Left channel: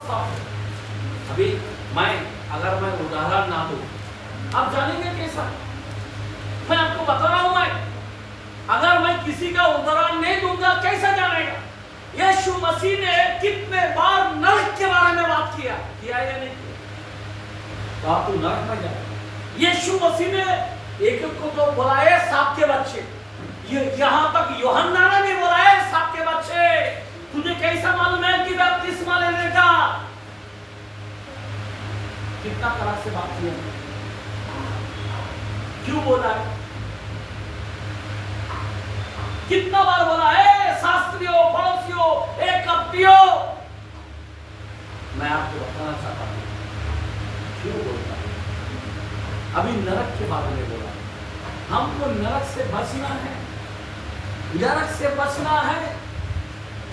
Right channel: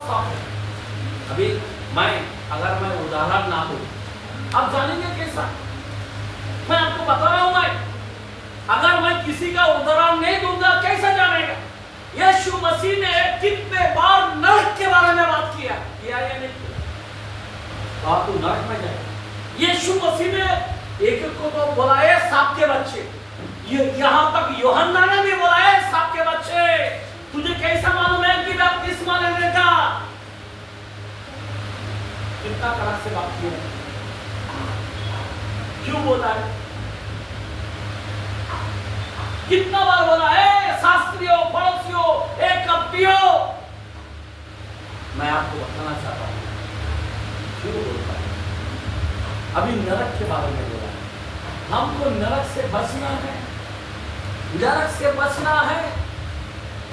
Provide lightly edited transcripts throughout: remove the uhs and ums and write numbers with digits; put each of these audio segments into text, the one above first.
अभी अगर मैं उदाहरण ना दूं, आप जानेंगे कैसा? मैं आपको बता रहा हूं, अगर मैं किसी का उदाहरण नहीं दूंगा कैसा जानेगा? यीशु मसीह ने कितने बार नरक के बारे में बात किया या नहीं किया? तो तू नरक में जाए। यीशु मसीह ने एक को तो बोला है सांप के बच्चे, यहां तक यूहन्ना ने भी बोला है सांप के बच्चे। तुझे कैसा मालूम है कि बपतिस्मा लेने का? कितना कड़क से बात किया, क्यों बोला है? कितना बार बोला है शास्त्रियों, फरीसियों, कपटियों। मैं आपको बताना चाहता हूं क्यों बोलता है। अभी नरक के बारे में बोला है, हमको नरक से बचना है, नरक से बचना है।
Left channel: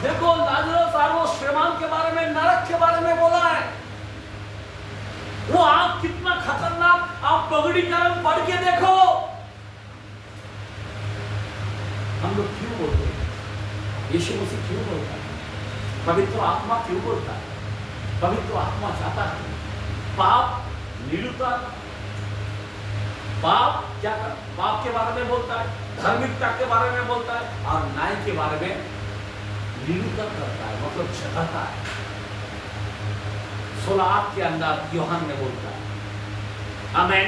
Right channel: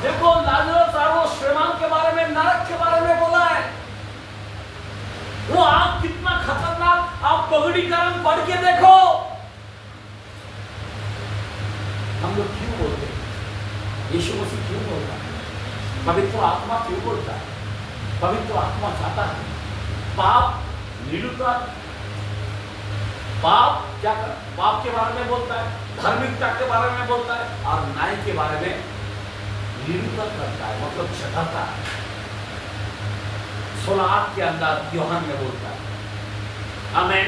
देखो लाजरस और वो श्रीमान के बारे में, नरक के बारे में बोला है। वो आग कितना खतरनाक, आप पगड़ीकरण पढ़ के देखो। हम लोग क्यों बोलते हैं? यीशु मसीह क्यों बोलता है? पवित्र आत्मा क्यों बोलता है? पवित्र आत्मा चाहता है पाप निरुता, पाप क्या कर, पाप के बारे में बोलता है, धार्मिकता के बारे में बोलता है और न्याय के बारे में निरूपण करता है, मतलब जताता है। 16 के अंदर यूहन्ना में बोलता है। आमीन।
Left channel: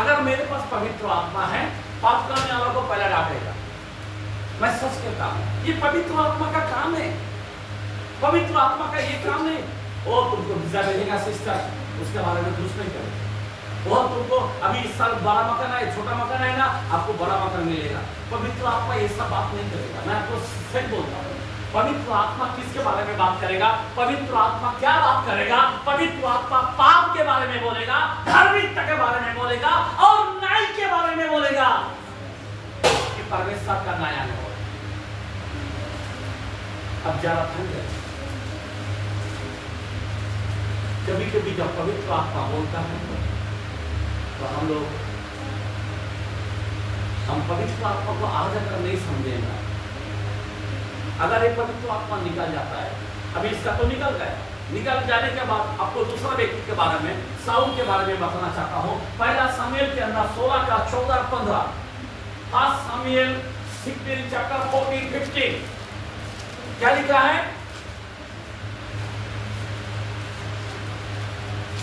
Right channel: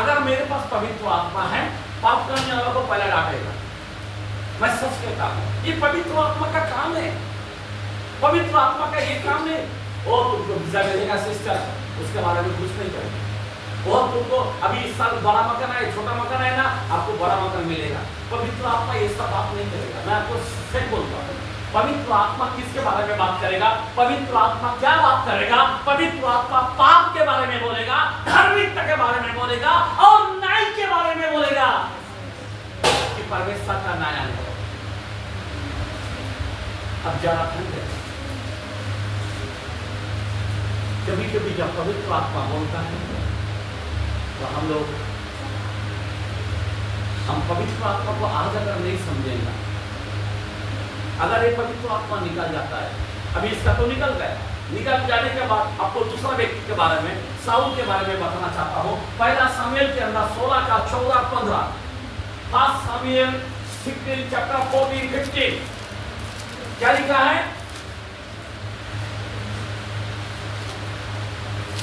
अगर मेरे पास पवित्र आत्मा है, पाप करने वालों को पहले डांटेगा। मैं सच कहता हूं, ये पवित्र आत्मा का काम है। पवित्र आत्मा का ये काम है। वो तुमको वीजा मिलेगा सिस्टर, उसके बारे में कुछ नहीं करेगा। वो तुमको अभी इस साल बड़ा मकान है, छोटा मकान है ना, आपको बड़ा मकान मिलेगा। पवित्र आत्मा ये सब बात नहीं करेगा। मैं आपको सच बोलता हूँ, पवित्र आत्मा किसके बारे में बात करेगा? पवित्र आत्मा क्या बात करेगा? पवित्र आत्मा पाप के बारे में बोलेगा, धार्मिकता के बारे में बोलेगा और न्याय के बारे में बोलेगा कि परमेश्वर का न्याय है। अब जरा ठंड है, कभी कभी जब पवित्र आत्मा बोलता है तो हम पवित्र आत्मा को आज अगर नहीं समझेगा, अगर ये पवित्र आत्मा निकल जाता है, अभी इसका तो निकल गया, निकल जाने के बाद आपको दूसरा व्यक्ति के बारे में, साउल के बारे में बताना चाहता हूं। पहला सामुएल के अंदर 16 का 14-15, फर्स्ट सामुएल 16 चैप्टर 14-15 क्या लिखा है?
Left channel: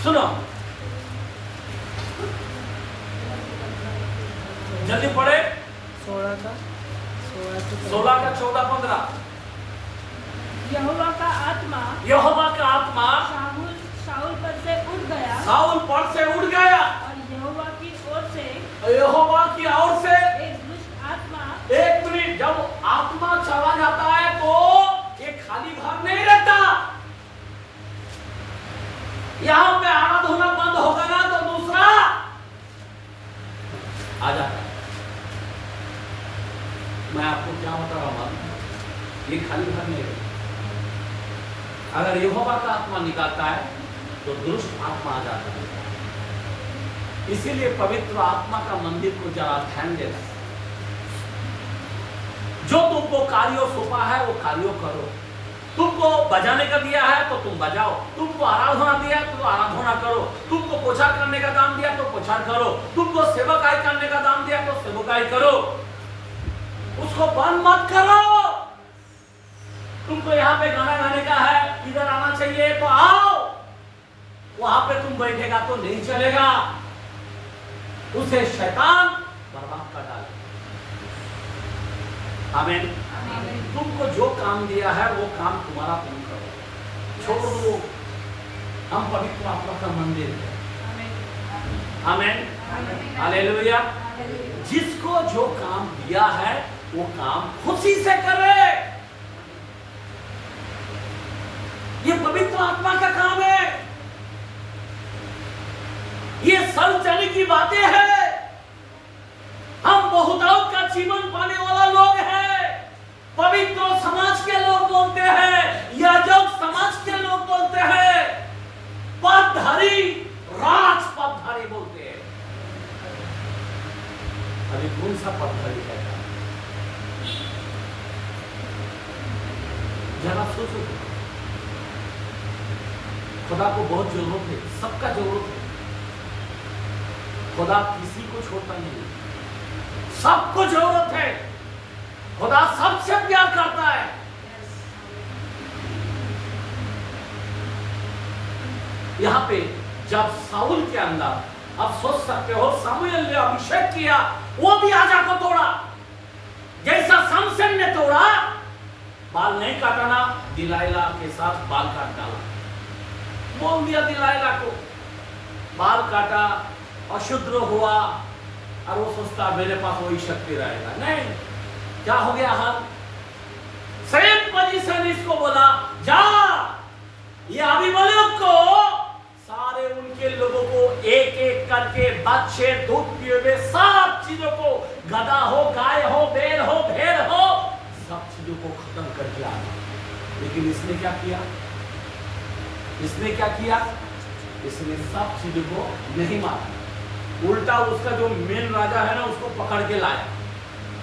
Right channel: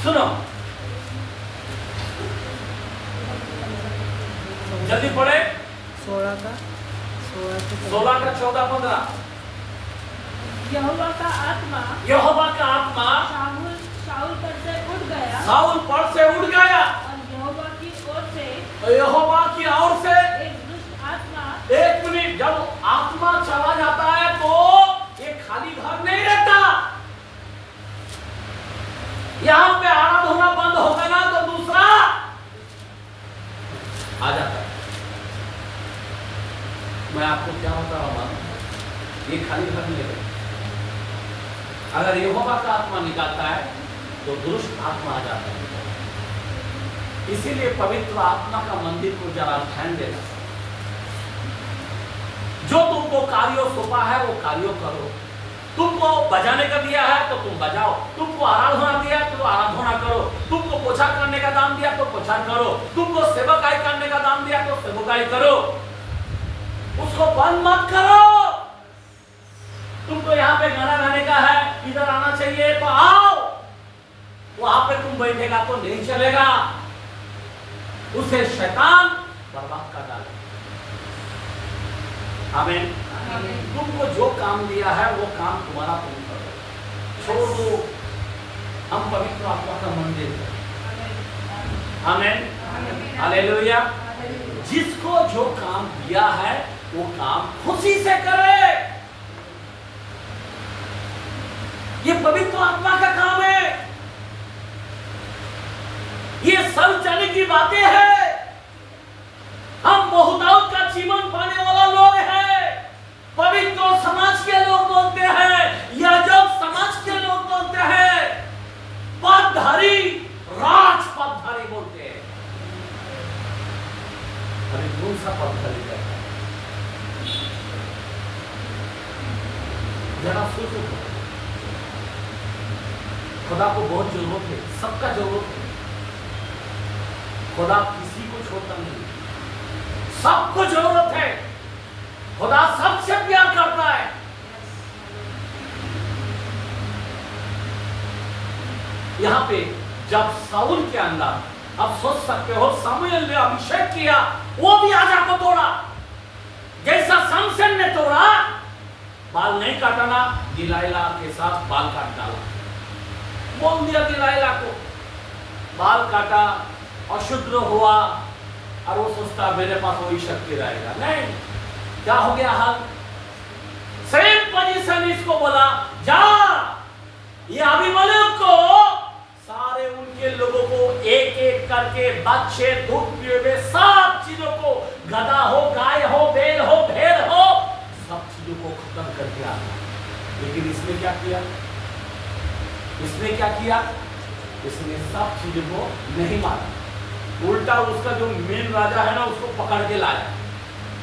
सुनो, जल्दी पढ़े। 16 का 14-15। यहोवा का आत्मा शाऊल पर से उठ गया, और यहोवा की ओर से एक दुष्ट आत्मा, एक मिनट, जब आत्मा चला जाता है तो ये खाली घर नहीं रहता। यहां पे आराधना बंद होगा ना तो दूसरा आ जाता है। मैं आपको क्या बता रहा हूं, ये खाली घर नहीं रहता। अगर यहोवा का आत्मा निकालता है तो दुष्ट आत्मा आ जाता है। इसीलिए पवित्र आत्मा का मंदिर को जरा ध्यान देना। जो तुमको कार्यों सौंपा है वो कार्यों करो। तुमको बजाने का दिया है तो तुम बजाओ, तुमको आराधना दिया है तो आराधना करो, तुमको पोछा करने का दान दिया तो पोछा करो, तुमको सेवकाई करने का दान दिया तो सेवकाई करो। उसको बंद मत करो। तुमको यहाँ पे गाना गाने का है, इधर आना चाहिए तो आओ, वहां पे तुम बैठेगा तो नहीं चलेगा। उसे शैतान बर्बाद कर डाले। आमीन। तुमको जो काम दिया है वो काम तुम्हारा तुम करो, छोड़ दो। हम पवित्र आत्मा का मंदिर है। आमीन, हालेलुया। जिसको जो काम दिया है वो काम खुशी से करे। ये पवित्र आत्मा का काम है। ये सब जाने की बातें हैं। हम बहुतायत का जीवन पाने वाला लोग हैं। पवित्र समाज के लोग बोलते हैं, याजक समाज के लोग बोलते हैं, पदधारी, राज पदधारी बोलते हैं। अभी कौन सा पदधारी रहता है? जरा सोचो। खुदा को बहुत जरूरत है, सबका जरूरत है। खुदा किसी को छोड़ता नहीं, सबको जरूरत है। खुदा सबसे प्यार करता है। यहां पे जब साउल के अंदर, आप सोच सकते हो, सामुएल ने अभिषेक किया, वो भी आजा को तोड़ा, जैसा समसन ने तोड़ा। बाल नहीं काटना, दिलाइला के साथ बाल काट डाला, बोल दिया दिलाइला को, बाल काटा, अशुद्ध हुआ, और वो सोचता मेरे पास वही शक्ति रहेगा। नहीं, क्या हो गया हाल? सेम पोजीशन इसको बोला, जा ये अबीमेलेक को, सारे उनके लोगों को एक एक करके, बच्चे, दूध पिए हुए, सब चीजों को, गधा हो, गाय हो, बैल हो, भेड़ हो, सब चीजों को खत्म करके आना। लेकिन इसने क्या किया? इसने क्या किया? इसने सब चीजों को नहीं माना, उल्टा उसका जो मेन राजा है ना, उसको पकड़ के लाया।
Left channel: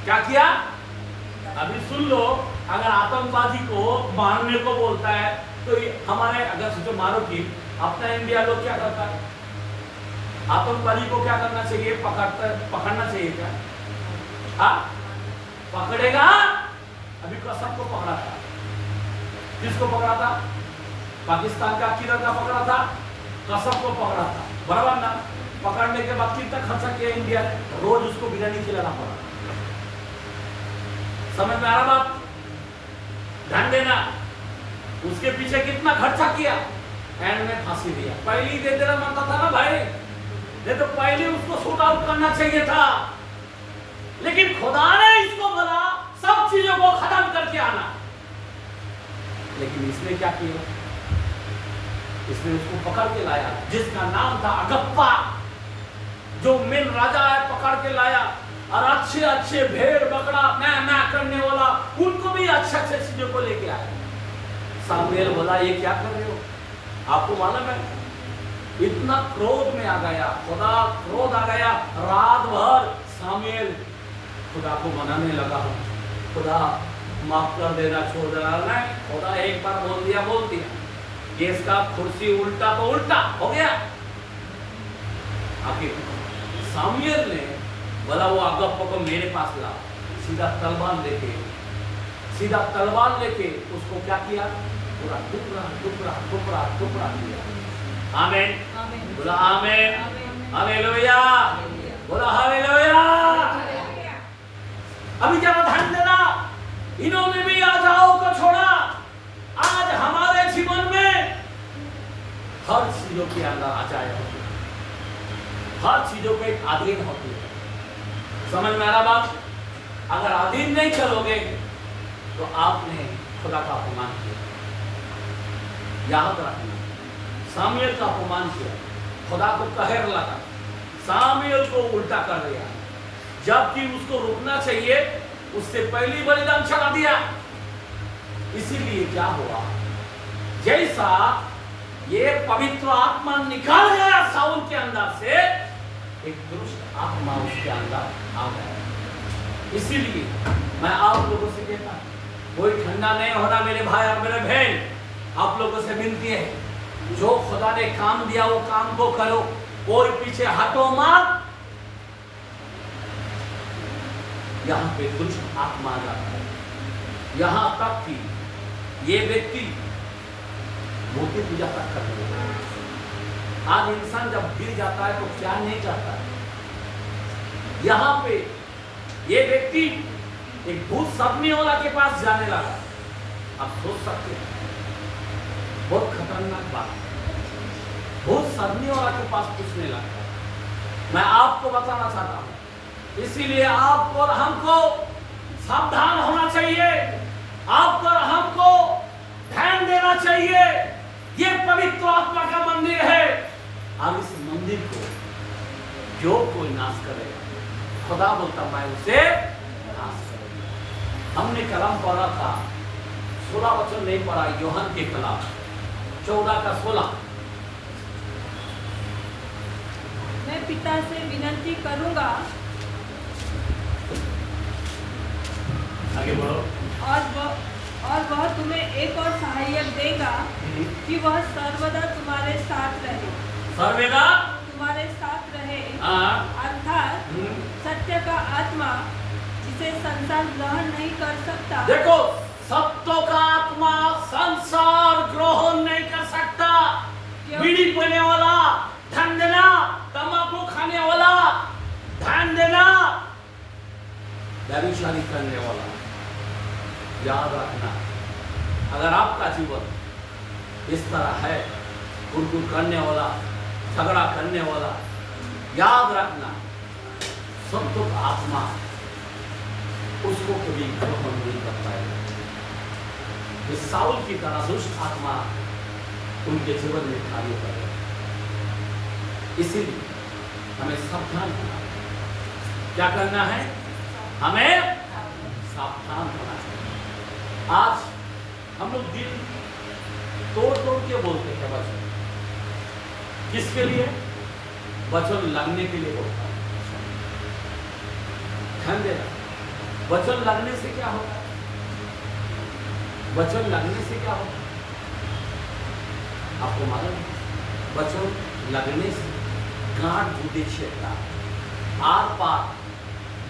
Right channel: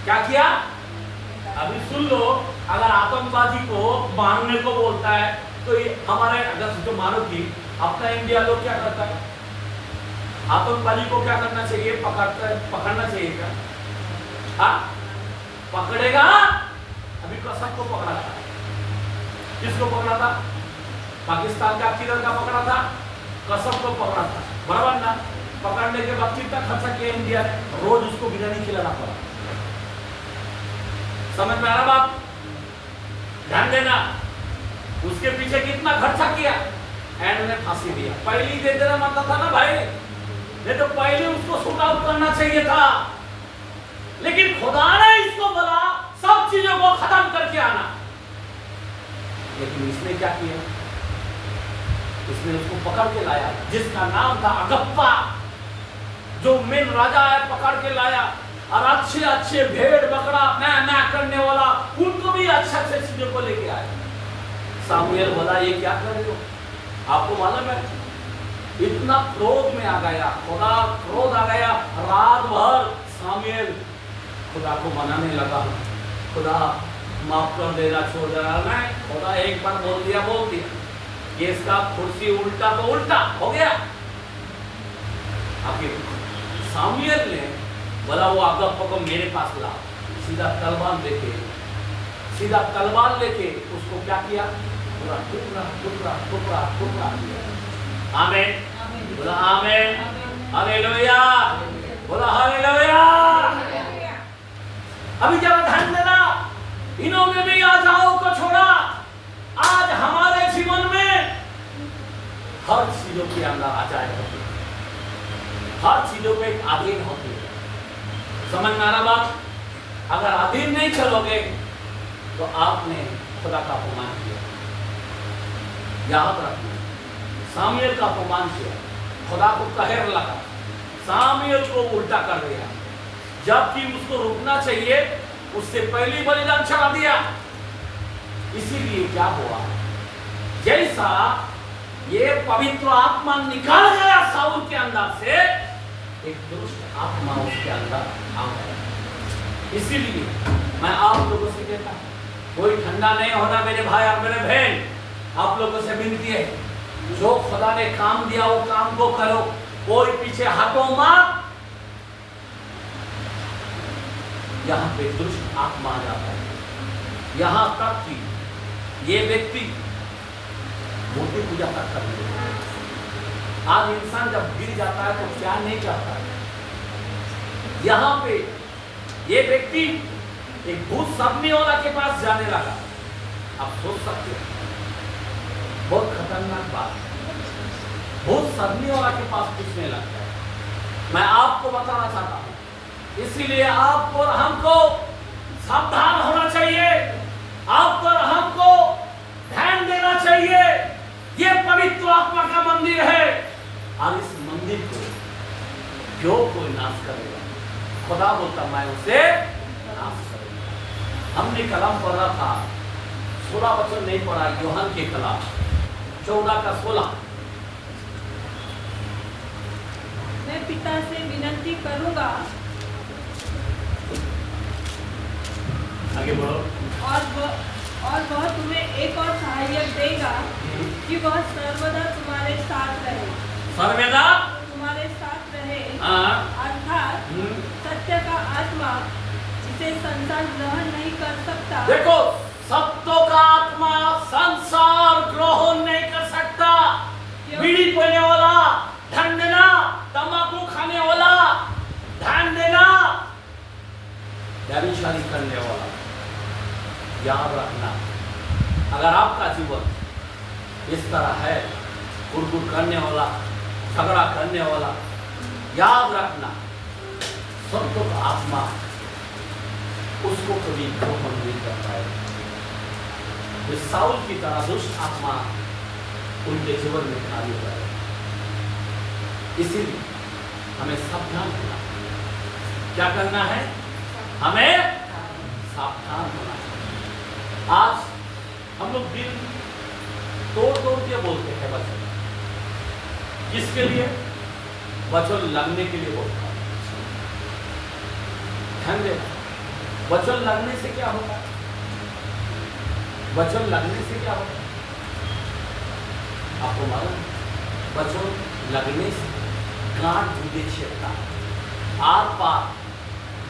क्या किया? अभी सुन लो, अगर आतंकवादी को मारने को बोलता है तो हमारे, अगर सोचो मारो कि अपना इंडिया लोग क्या करता है, आतंकवादी को क्या करना चाहिए? पकड़ना चाहिए क्या? हाँ, पकड़ेगा। अभी कसम को पकड़ा था, किसको पकड़ा था? पाकिस्तान का किधर का पकड़ा था? कसम को पकड़ा था, बराबर ना? पकड़ने के बाद कितना खर्चा किया इंडिया ने? रोज उसको बिरयानी खिलाना पड़ा। समझ में आ रहा बात? ध्यान देना, उसके पीछे कितना खर्चा किया, एंड में फांसी दिया। पहले ही दे देना मानता था ना भाई, नहीं तो पहले उसको शूट आउट करना चाहिए था। लेकिन खुदा ने इसको बोला सब चीजों को खत्म करके आना। लेकिन इसने क्या किया? इसने उसको पकड़ के लाया, जिसका नाम था अगप्पा, जो मेन राजा है, पकड़ के लाया, और अच्छे अच्छे भेड़ बकरा ना करने वाला, उनको भी अच्छे अच्छे चीजों को लेके आया। सामुएल बोला ये क्या कर रहे हो? आपको मालूम है, इतना क्रोध में आ गया, खुदा क्रोध आ गया। रात भर सामुएल खुदा को मनाने लगा, खुदा माफ कर देना, छोड़ देना। नहीं, खुदा एक बार बोल दिया, ये इसका कुर्सी उल्टा तो उल्टा हो गया। आखिर सामुएल ने बोला वो अगप्पा को मेरे पास ला, सीधा तलवार लेके उसको क्या किया? पूरा टुकड़ा टुकड़ा टुकड़ा टुकड़ा किया। आमीन, बोला आमीन, हालेलुया, बोला हालेलुया। अभी जरा ध्यान देना, इन्होंने भी आजाओं को छोड़ा। आज हमारे जीवन में हर चीजों के अंदर आजाद होती है, हर चीजों पे एक अधीन होती है। समझ में आ रहा बात? अगर अधीन नहीं चलोगे तो आपने खुदा का अपमान किया। याद रखना, सामुएल का अपमान किया, खुदा को कहर लगा, सामुएल को उल्टा कर दिया, जबकि उसको रुकना चाहिए, उससे पहले बलिदान चढ़ा दिया। इसीलिए क्या हुआ? जैसा ये पवित्र आत्मा निकाल गया साउल के अंदर से, एक दुष्ट आत्मा उसके अंदर आ गया। इसीलिए मैं आप लोगों से कहता हूं, कोई ठंडा नहीं होना मेरे भाई और मेरे बहन। आप लोगों से विनती है, जो खुदा ने काम दिया वो काम को करो, कोई पीछे हटो मत। यहां पे दुष्ट आत्मा आ जाता है, यहां तक कि ये व्यक्ति मूर्ति पूजा तक करने लगता है। आज इंसान जब गिर जाता है तो क्या नहीं चाहता है? यहां पे ये व्यक्ति एक भूत सदमे वाला के पास जाने लगा। आप सोच सकते हैं, बहुत खतरनाक बात है, भूत सदमे वाला के पास पूछने लगता है। मैं आपको बताना चाहता हूं, इसीलिए आपको और हमको सावधान होना चाहिए, आपको और हमको ध्यान देना चाहिए। ये पवित्र आत्मा का मंदिर है, और इस मंदिर को जो कोई नाश करेगा, खुदा बोलता मैं उसे नाश करूंगा। हमने कलम पढ़ा था, 16 वचन नहीं पढ़ा, यूहन्ना के खिलाफ 14 का 16। मैं पिता से विनती करूंगा आगे बढ़ो। और और वह तुम्हें एक और सहायक देगा कि वह सर्वदा तुम्हारे साथ रहे। सर्वदा तुम्हारे साथ रहे, हाँ। अर्थात सत्य का आत्मा जिसे संसार ग्रहण नहीं कर सकता। देखो, सत्य का आत्मा संसार ग्रहण नहीं कर सकता। बीड़ी पीने वाला ध्यान देना, तंबाकू खाने वाला ध्यान देना, व्यभिचारी करने वाला याद रखना। अगर आपका जीवन इस तरह है, गुड़गुड़ करने वाला, झगड़ा करने वाला, याद रखना सत्य का आत्मा उसको कभी ग्रहण नहीं कर पाएगा। इस साउल की तरह दुष्ट आत्मा उनके जीवन में कार्य करेगा। इसीलिए हमें सावधान होना है। क्या करना है? हमें सावधान होना है। आज हम लोग दिल तोड़ तोड़ के बोलते हैं वचन। किसके लिए? वचन लगने के लिए बोलता हूं। ध्यान देना, वचन लगने से क्या होता है? वचन लगने से क्या होता है आपको मालूम? वचन लगने से गांठ गुदे छेड़ता है, आर पार।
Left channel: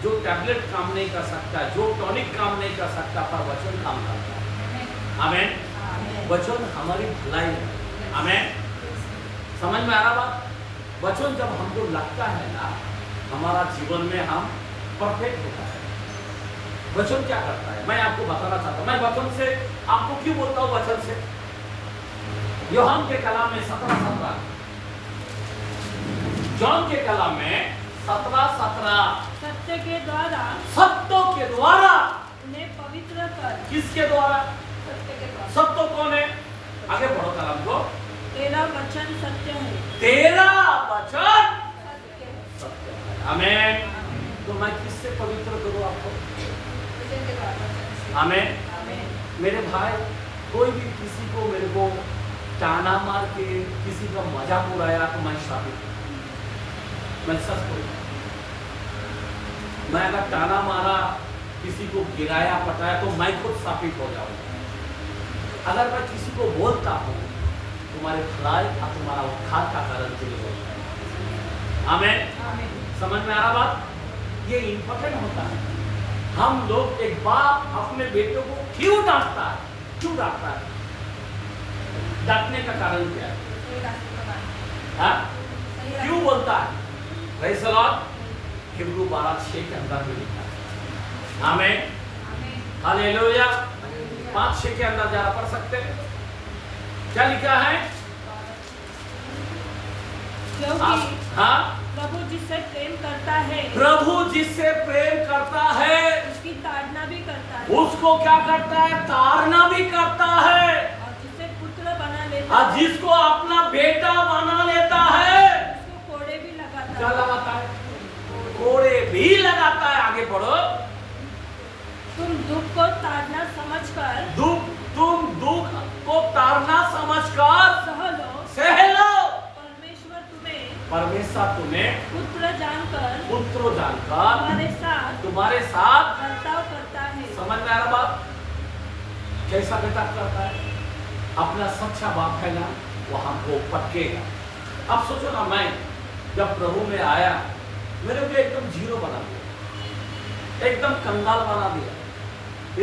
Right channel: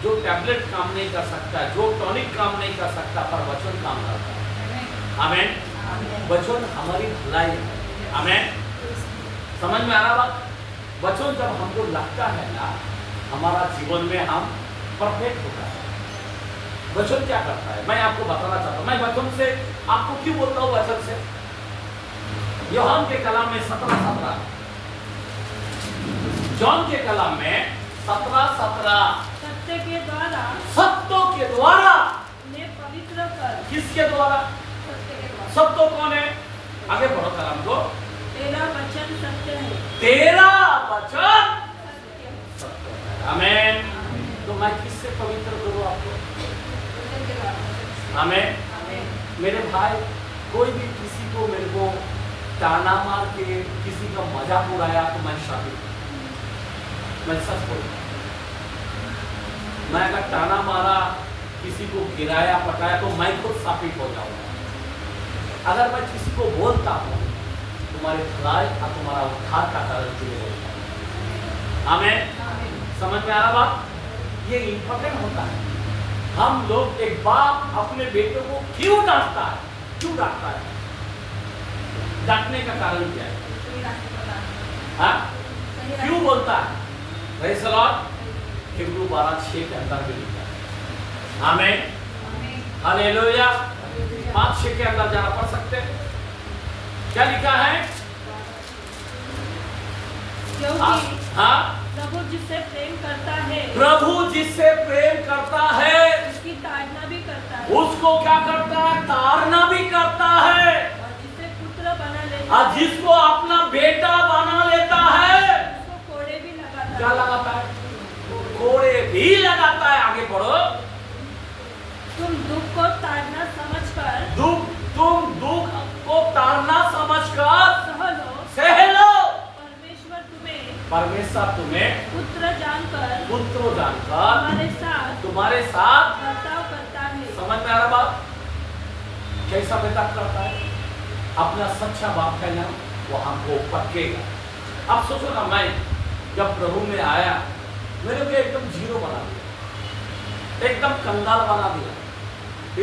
जो टैबलेट काम नहीं कर सकता, जो टॉनिक काम नहीं कर सकता, पर वचन काम करता है। आमेन। वचन हमारी भलाई है। आमेन। समझ में आ रहा बात? वचन जब हमको लगता है ना, हमारा जीवन में हम परफेक्ट होता है। वचन क्या करता है मैं आपको बताना चाहता हूं। मैं वचन से आपको क्यों बोलता हूं? वचन से यूहन्ना के कलाम में 17:17, जॉन के कलाम में 17:17, सत्य के द्वारा, सत्य के द्वारा उन्हें पवित्र कर। किसके द्वारा? सत्य के द्वारा। सत्य कौन है? आगे बढ़ो कलाम को। तेरा वचन सत्य है। तेरा वचन सत्य है। सत्य है। आमेन। तो मैं किससे पवित्र करूं आपको? आमेन। मेरे भाई, कोई भी किसी को मेरे को ताना मार के किसी का मजाक उड़ाया तो मैं शापित, मैं सच बोलता। मैं अगर ताना मारा, किसी को गिराया पटाया तो मैं खुद शापित हो जाऊंगा। अगर मैं किसी को बोलता हूं, तुम्हारे भलाई और तुम्हारा उद्धार का कारण के लिए बोलता हूं। आमेन। समझ में आ रहा बात? ये इंपॉर्टेंट होता है। हम लोग, एक बाप अपने बेटों को क्यों डांटता है? क्यों डांटता है? डांटने का कारण क्या है? हाँ? क्यों बोलता है? Praise the Lord. हिब्रू 12:6 के अंदर में लिखा है। आमेन। हालेलुया। 5:6 के अंदर जरा पढ़ सकते हैं? क्या लिखा है? हाँ, प्रभु जिससे प्रेम करता है, प्रभु जिससे प्रेम करता है उसकी ताड़ना भी करता है, उसको क्या करता है? ताड़ना भी करता है। और जिसे पुत्र बना लेता और है, जिसको अपना बेटा बना लेता है, उसको कोड़े भी लगाता क्या है। लगाता है? कोड़े भी लगाता है। आगे पढ़ो। तुम दुख को ताड़ना समझकर, तुम दुख को ताड़ना समझकर सह लो। सह लो। परमेश्वर तुम्हें पुत्र जानकर तुम्हारे साथ बर्ताव करता है। समझ में आ रहा बात? कैसा बर्ताव करता है? अपना सच्चा बाप है ना, वो हमको पटकेगा। अब सोचो ना, मैं जब प्रभु में आया, मेरे को एकदम जीरो बना दिया, एकदम कंगाल बना दिया,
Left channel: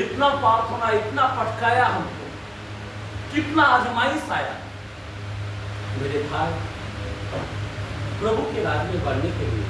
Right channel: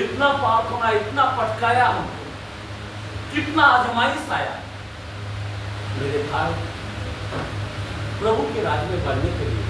इतना प्रार्थना, इतना पटकाया हमको, कितना आजमाइश आया। मेरे भाई, प्रभु के राज्य में बढ़ने के लिए